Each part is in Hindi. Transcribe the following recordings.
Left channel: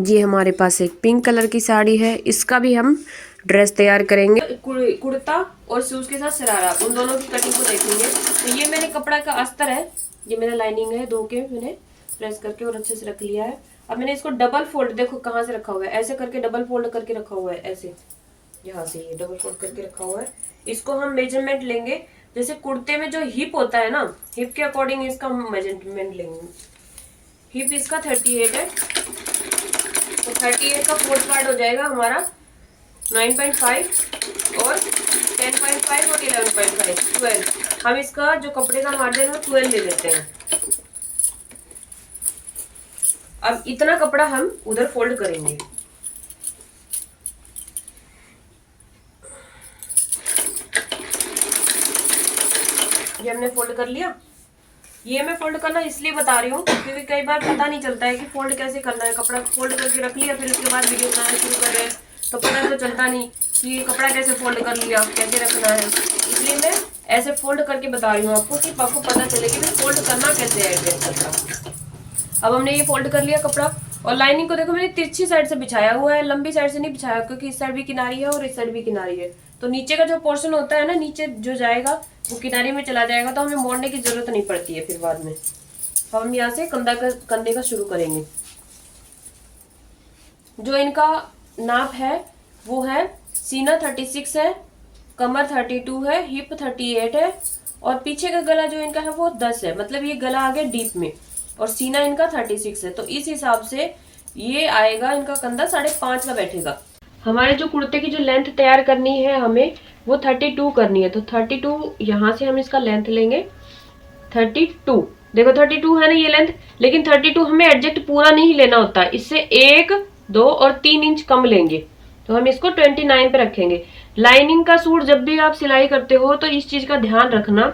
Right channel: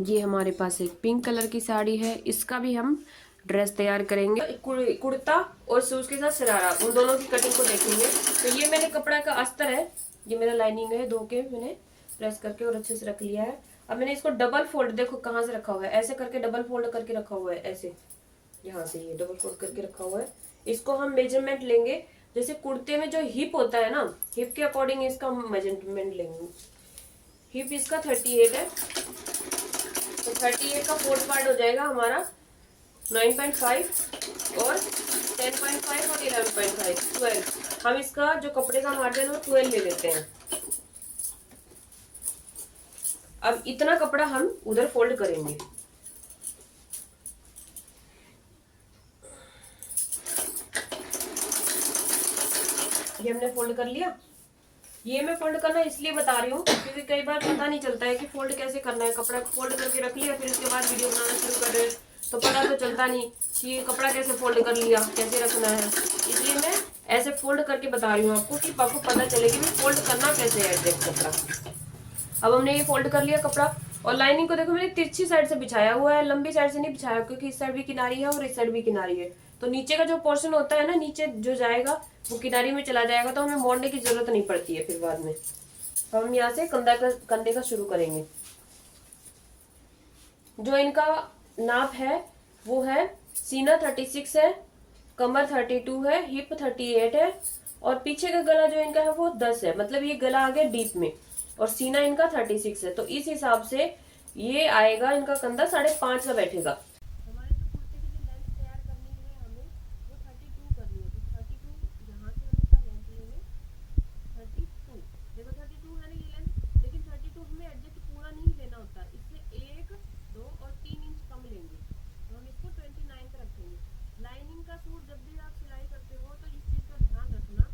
ये हमारे पास एक पिंक कलर की साड़ी है, इसका भी हम ड्रेस तैयार करेंगे। कुर्ता और उसके साथ शरारा, उन दोनों की कटिंग को देखेंगे। तो ये मेरे कपड़ा का अस्तर है, ये मेरा लाइनिंग है, धो के मैंने प्रेस करके और अच्छे से रख लिया है। अब मैंने इसको डबल फोल्ड, देखो कहाँ से रखा हुआ है, ऐसे करके डबल फोल्ड करके रखा हुआ है, ऐसे यहाँ से ये डबल फोल्ड करके रखा हुआ है। इसको हम मेजरमेंट लेंगे, जैसे कुर्ते में जो हिप होता है ना, हिप के अकॉर्डिंग इसका हम मेजरमेंट लेंगे। हिप इसका 38 है, तो 38 का फोर्थ पार्ट हो जाएगा हमारा 9.5 और 10.5 और 11.5, 12। हम इसका जो कपड़े का मार्जिन है 12 ले लेते हैं। अब इतना कपड़ा हम उधर फोल्ड करेंगे। ये हमने फोल्ड कर लिया। ये मैं फोल्ड करना इसलिए बता रही हूँ क्योंकि कई बार पता नहीं चलता है कि फोल्ड कैसे करना है। कपड़ा फोल्ड करके रख लिया, फिर उसके बाद वीडियो बनाना शुरू कर रहे हैं तो पता तो चलता नहीं कि ये कपड़ा कैसे फोल्ड कर लिया, कैसे रखना है। इसलिए मैं ऐसे फोल्ड करके बता रही हूँ आपको कि आपको पता चले कि फोल्ड करना कैसे है कपड़ा। अब हमने ये फोल्ड कर लिया कपड़ा, और लाइनिंग को देखो मैंने तिरछी साइड से बिछाया हुआ है, लंबी साइड से नहीं बिछाया, क्योंकि इस साइड भी किनारी है और इस साइड भी किनारी है। तो नीचे का जो पोर्शन होता है ना, नीचे जो जाएगा वो किनारी में चला जाएगा, तो हमें मोड़ने की जरूरत नहीं पड़ती है फिर बाद में। तो हम यहाँ से कंधे का शुरू करेंगे। जो इनका नाप है वो है, सीना 36 है, कमर 32 है, हिप 38 है, और पीछे का गला जो इनका है वो 10 है। मतलब ये गला आ गया डीप में, और सीना इनका 36 है। तो इस हिसाब से ये आएगा, इनका कंधा 5.5 का बैठेगा। हमारे जो कुर्ते की जो लेंथ तैयार करनी है हमें, वो 32 करनी है। तो 32 यहाँ से हम इसका लेंथ लेंगे 32। देखो 32 है ना ये लेंथ, लेकिन 32 हमें एडजस्ट पूरा नहीं लेना होता, इससे 1, 2 और 3 इंच कम लेंगे। तो हम इसको 29 पे रखेंगे। लाइनिंग का सूट जब भी आप सिलाई करते हो तो इस चीज का ध्यान रखना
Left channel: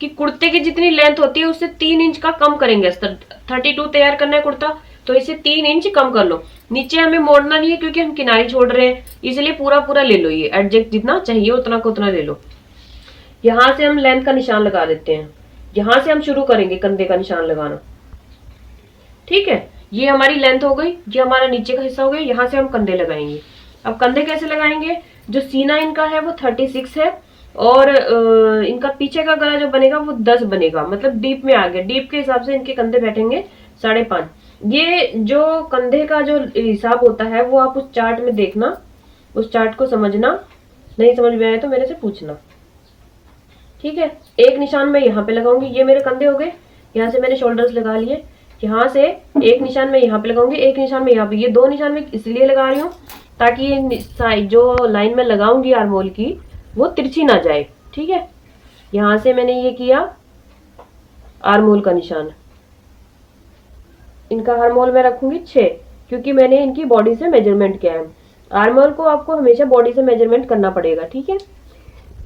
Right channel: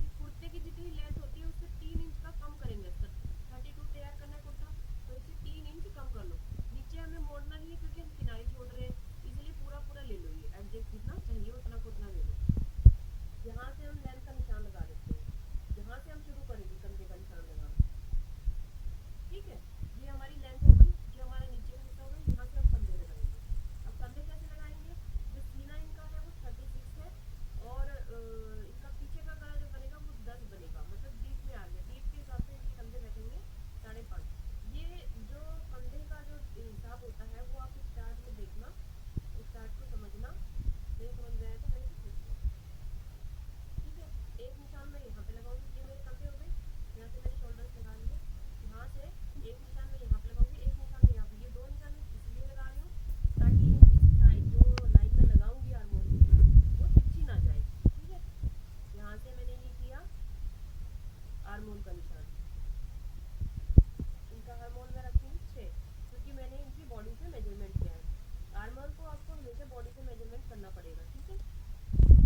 कि कुर्ते की जितनी लेंथ होती है उससे 3 इंच का कम करेंगे। 32 तैयार करना है कुर्ता, तो इसे 3 इंच कम कर लो। नीचे हमें मोड़ना नहीं है क्योंकि हम किनारी छोड़ रहे हैं, इसलिए पूरा पूरा ले लो, ये एडजस्ट जितना चाहिए उतना को उतना ले लो। यहाँ से हम लेंथ का निशान लगा देते हैं, यहां से हम शुरू करेंगे कंधे का निशान लगाना। ठीक है, ये हमारी लेंथ हो गई, ये हमारा नीचे का हिस्सा हो गया, यहाँ से हम कंधे लगाएंगे। अब कंधे कैसे लगाएंगे, जो सीना इनका है वो 36 है, और इनका पीछे का गला जो बनेगा वो 10 बनेगा, मतलब डीप में आ गया। डीप के हिसाब से इनके कंधे बैठेंगे 5.5। ये जो कंधे का जो हिसाब होता है वो आप उस चार्ट में देखना, उस चार्ट को समझना, नहीं समझ में आया तो मेरे से पूछना। ठीक है, एक निशान मैं यहाँ पे लगाऊंगी, ये मेरे कंधे हो गए। यहाँ से मैंने शोल्डर्स लगा लिए, यहाँ से एक निशान मैं यहाँ पे लगाऊंगी, एक निशान मैं यहाँ पे। ये 2 निशान मैं इसलिए लगा रही हूँ ताकि ये जो लाइन में लगाऊंगी आर्मोल की वो तिरछी ना जाए। ठीक है, यहाँ से मैंने ये किया आर्मोल का निशान। इनका आर्मोल मैं रखूंगी 6, क्योंकि मैंने इनकी बॉडी से मेजरमेंट किया है। आर्मोल को आपको हमेशा बॉडी से मेजरमेंट करना पड़ेगा। ठीक है,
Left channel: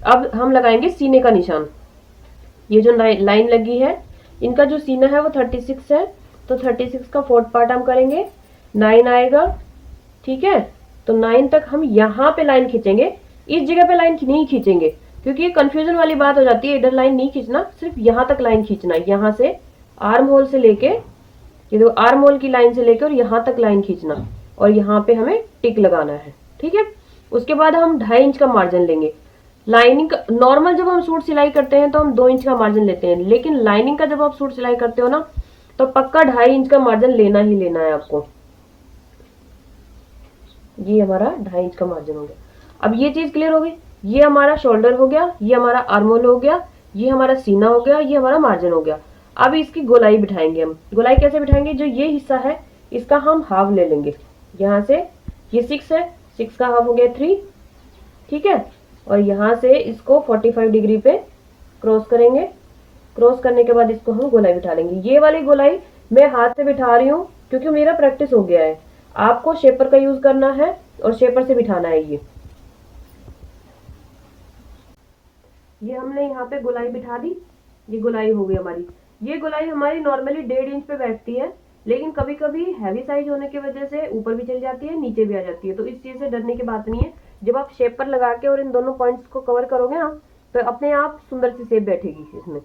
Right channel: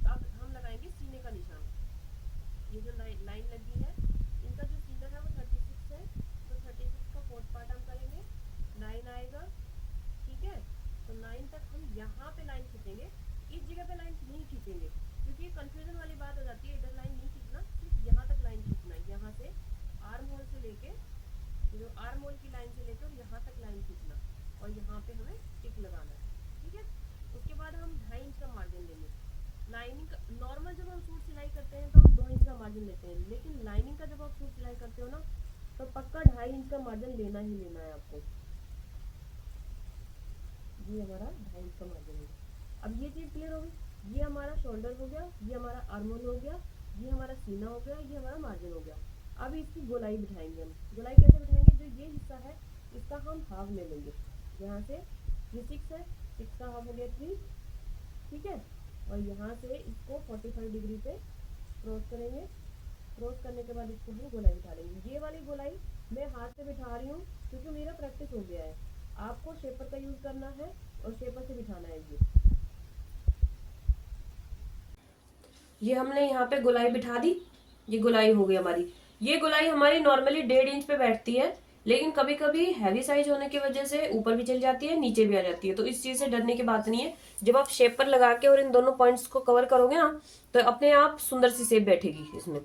अब हम लगाएंगे सीने का निशान। ये जो लाइन लगी है, इनका जो सीना है वो 36 है, तो 36 का 4th पार्ट हम करेंगे, 9 आएगा। ठीक है, तो 9 तक हम यहाँ पे लाइन खींचेंगे, इस जगह पे लाइन नहीं खींचेंगे क्योंकि ये कंफ्यूजन वाली बात हो जाती है। इधर लाइन नहीं खींचना, सिर्फ यहाँ तक लाइन खींचना है, यहाँ से आर्म होल से लेके, ये देखो आर्म होल की लाइन से लेके और यहाँ तक लाइन खींचना, और यहाँ पे हमें टिक लगाना है। ठीक है, उसके बाद हम 2.5 इंच का मार्जिन लेंगे। लाइनिंग का नॉर्मल जब हम सूट सिलाई करते हैं तो हम 2 इंच का मार्जिन लेते हैं, लेकिन लाइनिंग का जब आप सूट सिलाई करते हो ना तो पक्का 2.5 इंच का मार्जिन लेना ही लेना है आपको। ये हमारा 2.5 इंच का मार्जिन हो गया। अब ये चीज क्लियर हो गई, ये हमारा शोल्डर हो गया, ये हमारा आर्मोल हो गया, ये हमारा सीना हो गया, ये हमारा मार्जिन हो गया। अब इसकी गोलाई बिठाएंगे हम। गोलाई कैसे बिठाएंगे, जो ये हिस्सा है इसका हम हाफ ले लेंगे। यहाँ से ये 6 है, 6 का हाफ हो गया 3। ठीक है, और यहाँ से इसको 45 डिग्री पे क्रॉस करेंगे। क्रॉस करने के बाद इसको हम गोलाई बिठा लेंगे। ये वाली गोलाई मैं हाथ से बिठा रही हूँ क्योंकि मेरा प्रैक्टिस हो गया है। आपको शेपर का यूज करना है और शेपर से बिठाना है। ये हमने यहाँ पे गोलाई बिठा दी, ये गोलाई हो गई हमारी। ये गोलाई हमारी नॉर्मली 1.5 इंच पे बैठती है, लेकिन कभी कभी हैवी साइज होने की वजह से ऊपर भी चली जाती है, नीचे भी आ जाती है। तो इस चीज से डरने की बात नहीं है। जब आप शेपर लगा के और इन दोनों पॉइंट्स को कवर करोगे ना, तो अपने आप सुंदर सी शेप बैठेगी इसमें।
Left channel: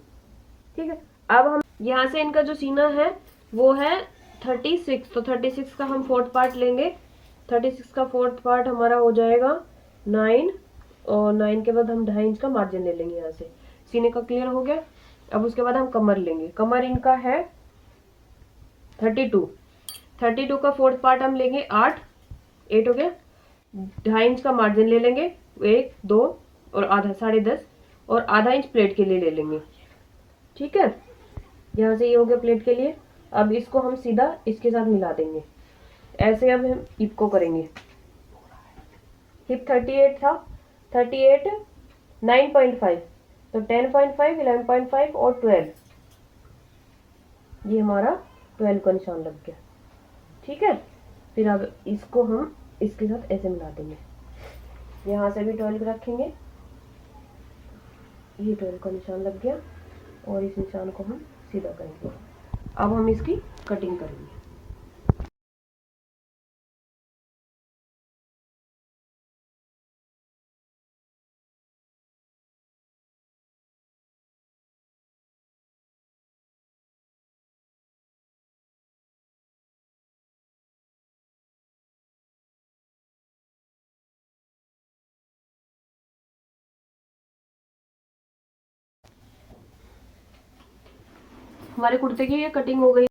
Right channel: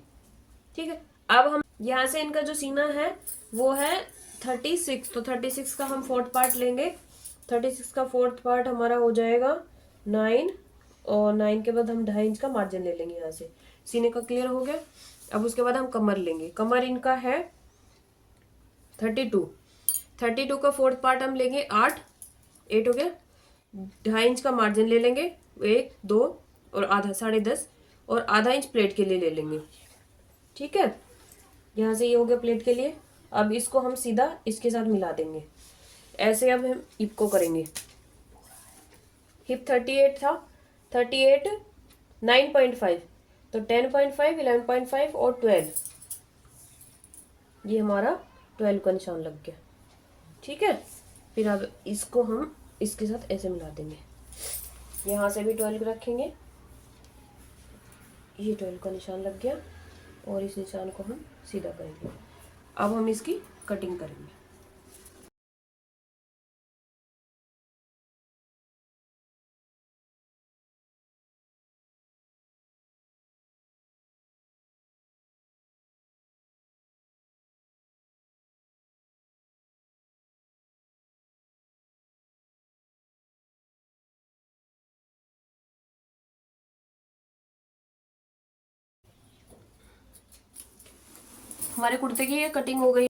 ठीक है, अब हम यहाँ से इनका जो सीना है वो है 36, तो 36 का हम फोर्थ पार्ट लेंगे। 36 का फोर्थ पार्ट हमारा हो जाएगा 9, और 9 के बाद हम 2.5 इंच का मार्जिन ले लेंगे यहाँ से। सीने का क्लियर हो गया। अब उसके बाद हम कमर लेंगे। कमर इनका है 32। 32 का फोर्थ पार्ट हम लेंगे 8 हो गया। 2.5 इंच का मार्जिन ले लेंगे, 1 2 और आधा 10.5, और आधा इंच प्लेट के लिए ले लेंगे। ठीक है, यहाँ से ये हो गया प्लेट के लिए। अब इसको हम सीधा इसके साथ मिला देंगे ऐसे। अब हम हिप को करेंगे। हिप 38 था, 38 9.5, तो 10.5 11.5 और 12, ये हमारा 12 का निशान लग गया। ठीक है, फिर अब इसको हम इसके साथ ऐसे मिला देंगे। यहाँ से भी 12 रखेंगे, ये 12 का निशान लग गया, और इस निशान को हम सीधा करेंगे। अब हम इसकी कटिंग करेंगे। हमारे कुर्ते की ये कटिंग हो गई।